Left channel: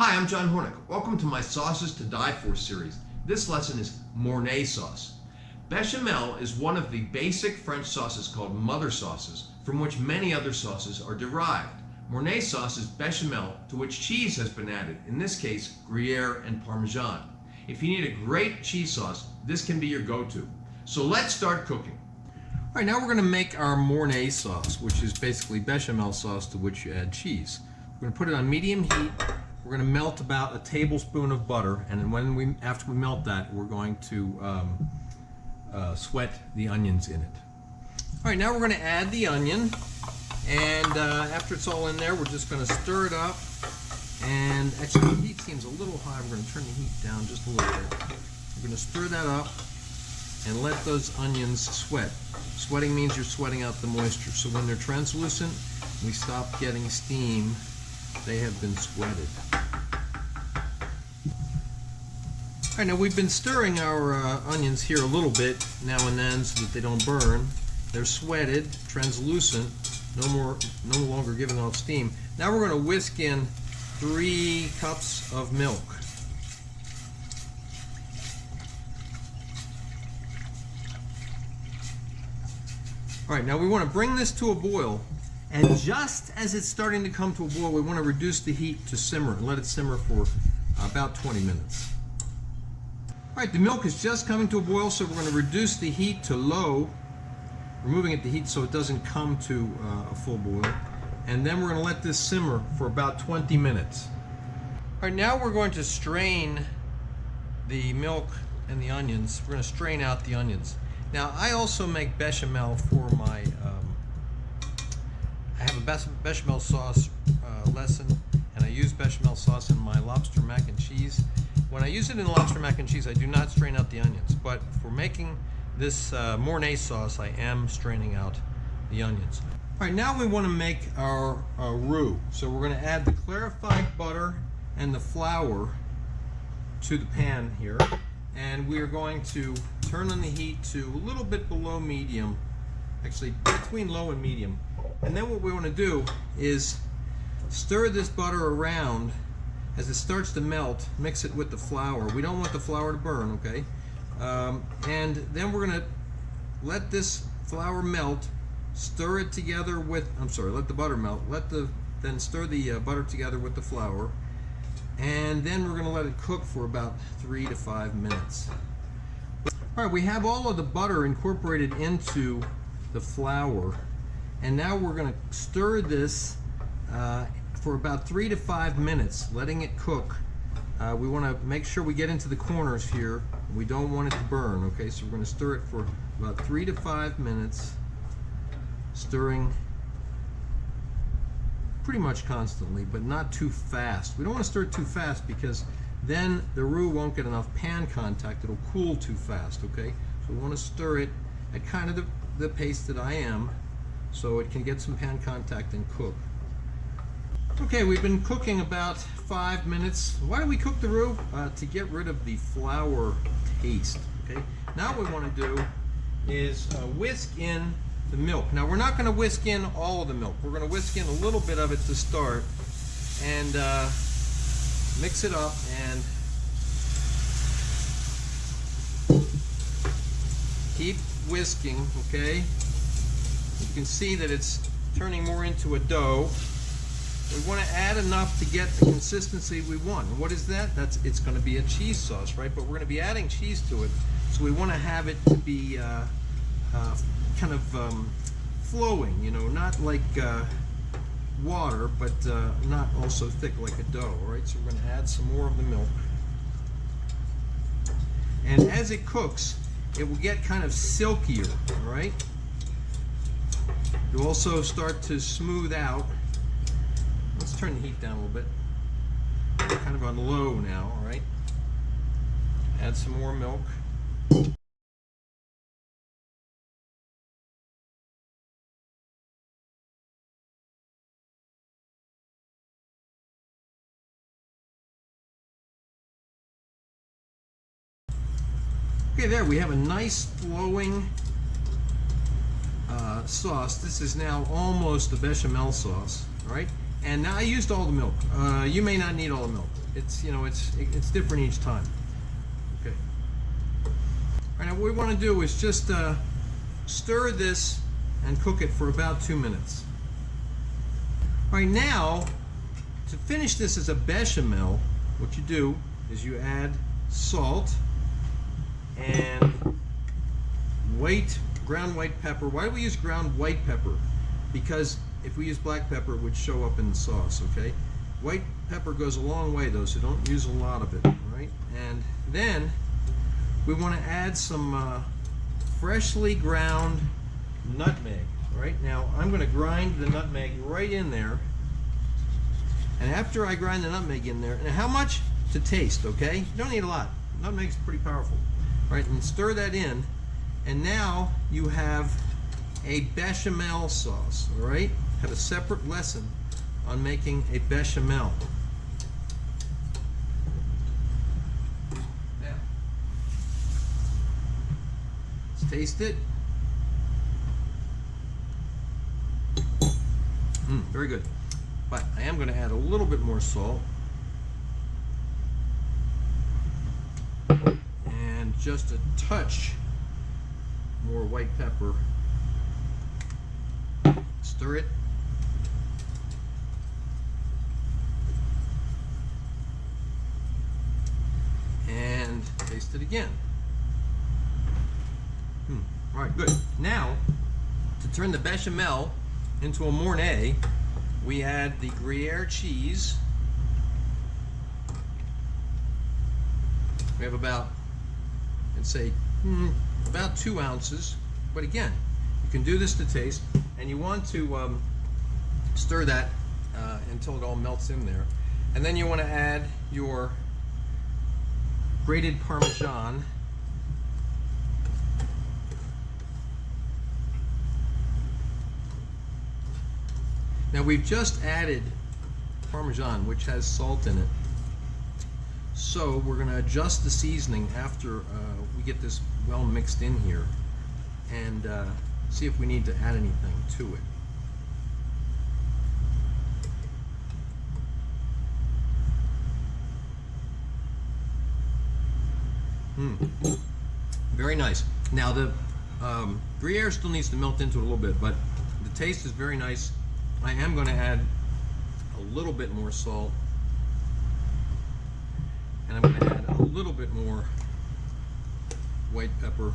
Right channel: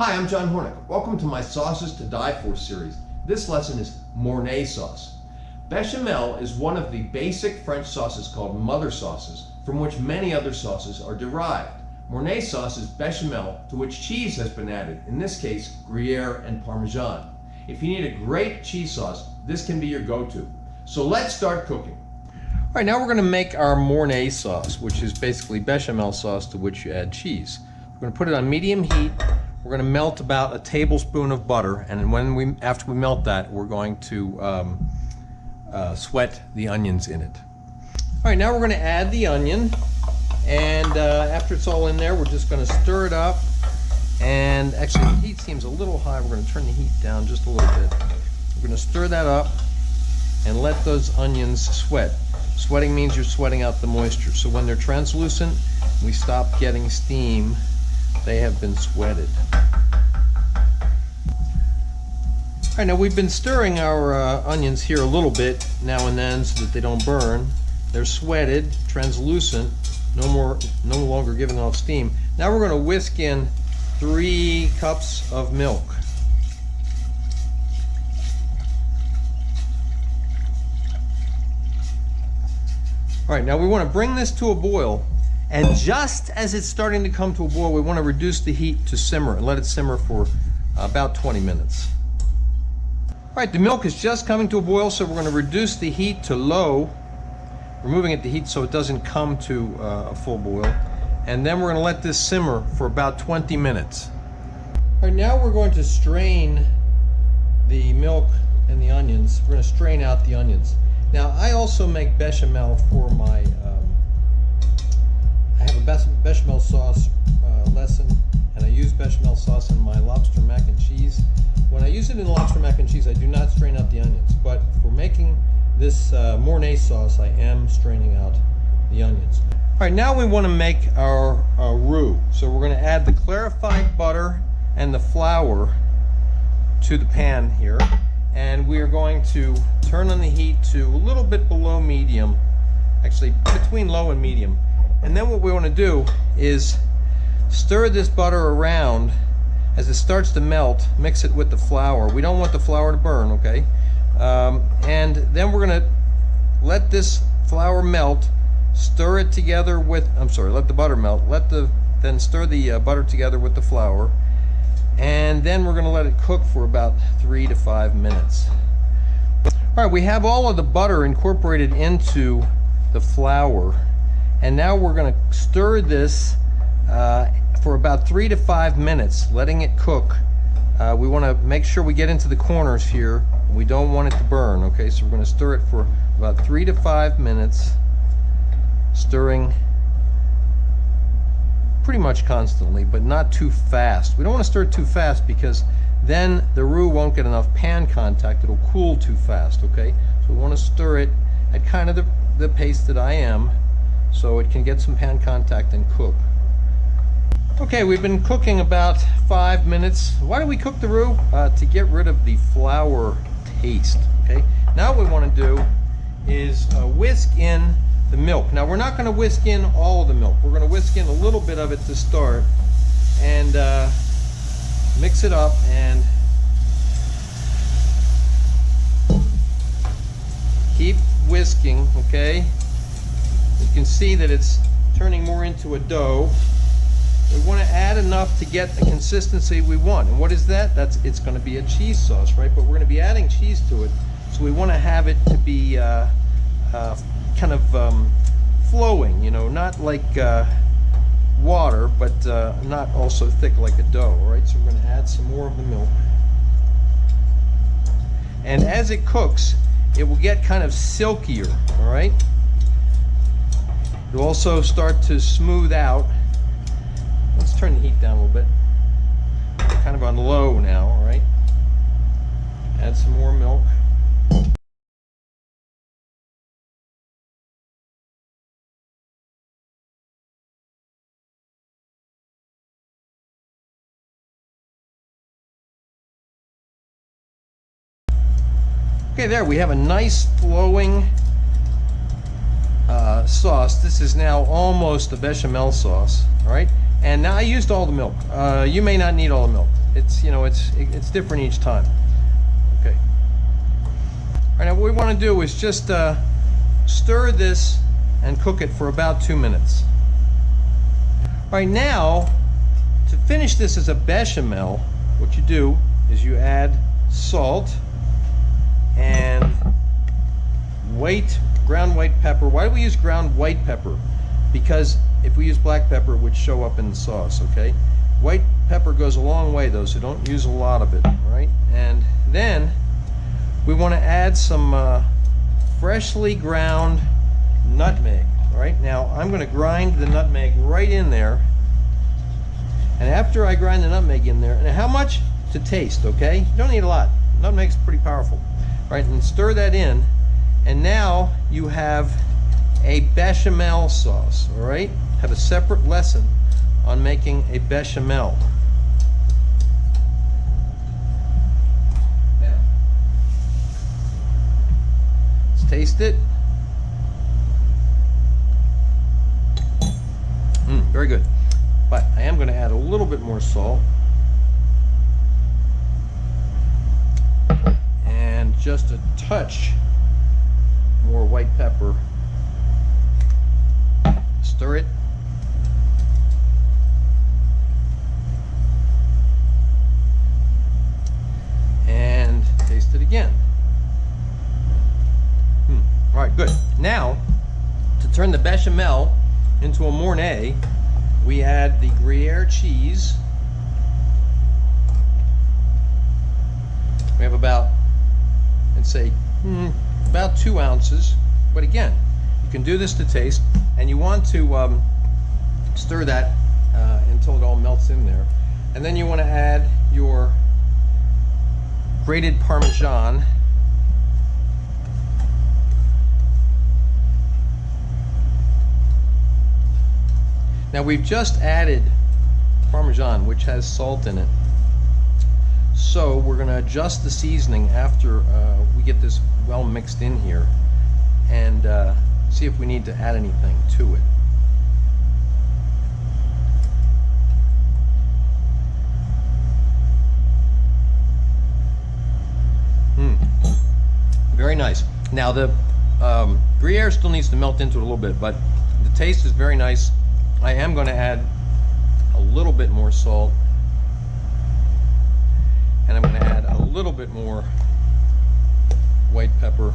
Hi, I'm John Hornick. Welcome to my Sauces to Die For series. This lesson is Mornay sauce. Bechamel is one of the basic French sauces called mother sauces, from which many other sauces are derived. Mornay sauce is bechamel to which cheese has been added, in this case, Gruyere and parmesan. If you need a great cheese sauce, this can be your go-to. So let's start cooking. All right, now we're going to make our Mornay sauce, which is basically bechamel sauce to which you add cheese. We're going to put it on medium heat. We're going to melt about a tablespoon of butter, and after we melt that, we're going to sweat the onions in it. All right, now we're going to add the onion, and after it's all in there, we're just going to stir it up. And actually, the heat seems a little high. We're going to turn the heat down just a little bit. We're going to stir that up and let those onions sweat. Sweating means you're sweating out the moisture. So when they're translucent, we stop getting steam. They have been sweated. All right, now we've been stirring our onions here a little bit now and then so that they don't burn. They're sweated, translucent, no longer giving off steam. Now we're going to whisk in 3 cups of milk. All right, now we want to bring this to a boil. And just as it's starting to come to a boil, we want to reduce the heat to simmer and let it simmer for about 20 minutes. All right, the milk is just coming to a boil, so we're going to reduce the heat to low. We're moving it to heat so it doesn't come to a full boil. And then we're going to let this simmer for about 20 minutes. All right, now we're going to strain the milk and the onions. We're going to strain out the onions. Now, I also make bechamel for my I have a bechamel sauce lesson, and I use bechamel sauce in my lobster mac and cheese. When I use it in lobster mac and cheese, I do not strain out the onions, but for making this Mornay sauce, I am straining out the onions. All right, now we want to make our roux. So we're going to add the clarified butter and the flour to the pan here, and we are going to turn on the heat to a little bit below medium, actually between low and medium. And then what we want to do is stir this butter around as it starts to melt. Mix it with the flour. We don't want the flour to burn, okay? And then we're going to let this flour melt, stir it together with, let the butter melt. Then stir the butter together with the flour. And then we're going to let it cook for about 3 to 5 minutes. All right, we have all of the butter incorporated into the flour. And now we're going to stir this for about 3 to 5 minutes, letting it cook. We want to make sure we get into the corners here. We don't want it to burn, okay? So we're going to stir it for about 3 to 5 minutes, stirring pretty much constantly, but not too fast. We don't want to stir it too fast because then the roux won't get enough pan contact. It'll cool too fast, okay? So we want to stir it at kind of the pace that I am, so it can get some pan contact and cook. Okay, we've been cooking about 5 minutes. Why do we cook the roux? To get rid of the flour taste, okay? Now what we want to do is whisk in the milk. Now we're not going to whisk in all of the milk. We're going to whisk in a little bit of it to start and mix it up and keep whisking, okay? You can see that it's turning more into a dough. We want to add enough to get the consistency we want. And what is that? It's going to be a cheese sauce, right? But we're going to be adding cheese to it, so we want to have it to be kind of flowing, you know, not like water, but not also thick like a dough, all right? So we're going to add some more of the milk. And as it cooks, it will get kind of silkier, all right? It'll also start to smooth out. Let's turn the heat down a little bit. Kind of on low now, all right? Add some more milk. Okay, there we have a nice flowing sauce. This is now almost a bechamel sauce. All right, and now I used all the milk. You may not need all the milk. It's, you know, it's different each time. Okay. All right, now what we want to do is just stir this and cook it for about 2 minutes. All right, now to finish this as a bechamel, what you do is you add salt and ground white pepper. Why do we use ground white pepper? Because if we use black pepper, it would show up in the sauce, okay? White pepper goes a long way though, so don't use a lot of it, all right? And then we want to add some freshly ground nutmeg. All right, now I'm going to grind the nutmeg right in there. And after I grind the nutmeg in there, and how much? To taste, okay? You don't need a lot. Nutmeg's pretty powerful. All right, and stir that in. And now you have a bechamel sauce, all right? Have a separate lesson on making a bechamel. Now, let's taste it. Very good. But I am going to add a little bit more salt. And just a touch more white pepper. Stir it. And taste it again. All right, good. Now, to turn the bechamel into a Mornay, we add the Gruyere cheese. We have about, I'd say, about 2 ounces. But again, you can do this to taste, and you want to stir that until it all melts in there. And then you want to add your grated parmesan. Now we've just added parmesan, which has salt in it. So we're going to adjust the seasoning after we get this well mixed in here, and see if we need to add anything to it. Very nice. Now the Gruyere still needs to melt into it a little bit, but the taste is very nice. I am going to add a little bit more salt, and I'm going to add a little bit more white pepper,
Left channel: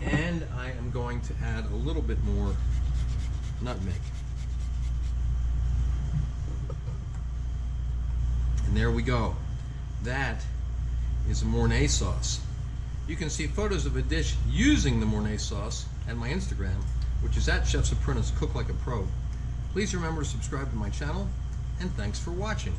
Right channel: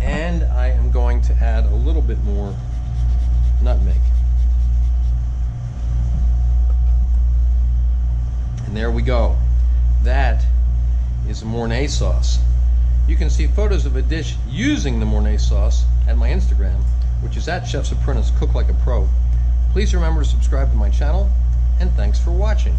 and I am going to add a little bit more nutmeg. And there we go. That is a Mornay sauce. You can see photos of a dish using the Mornay sauce at my Instagram, which is at Chef's Apprentice, Cook Like a Pro. Please remember to subscribe to my channel, and thanks for watching.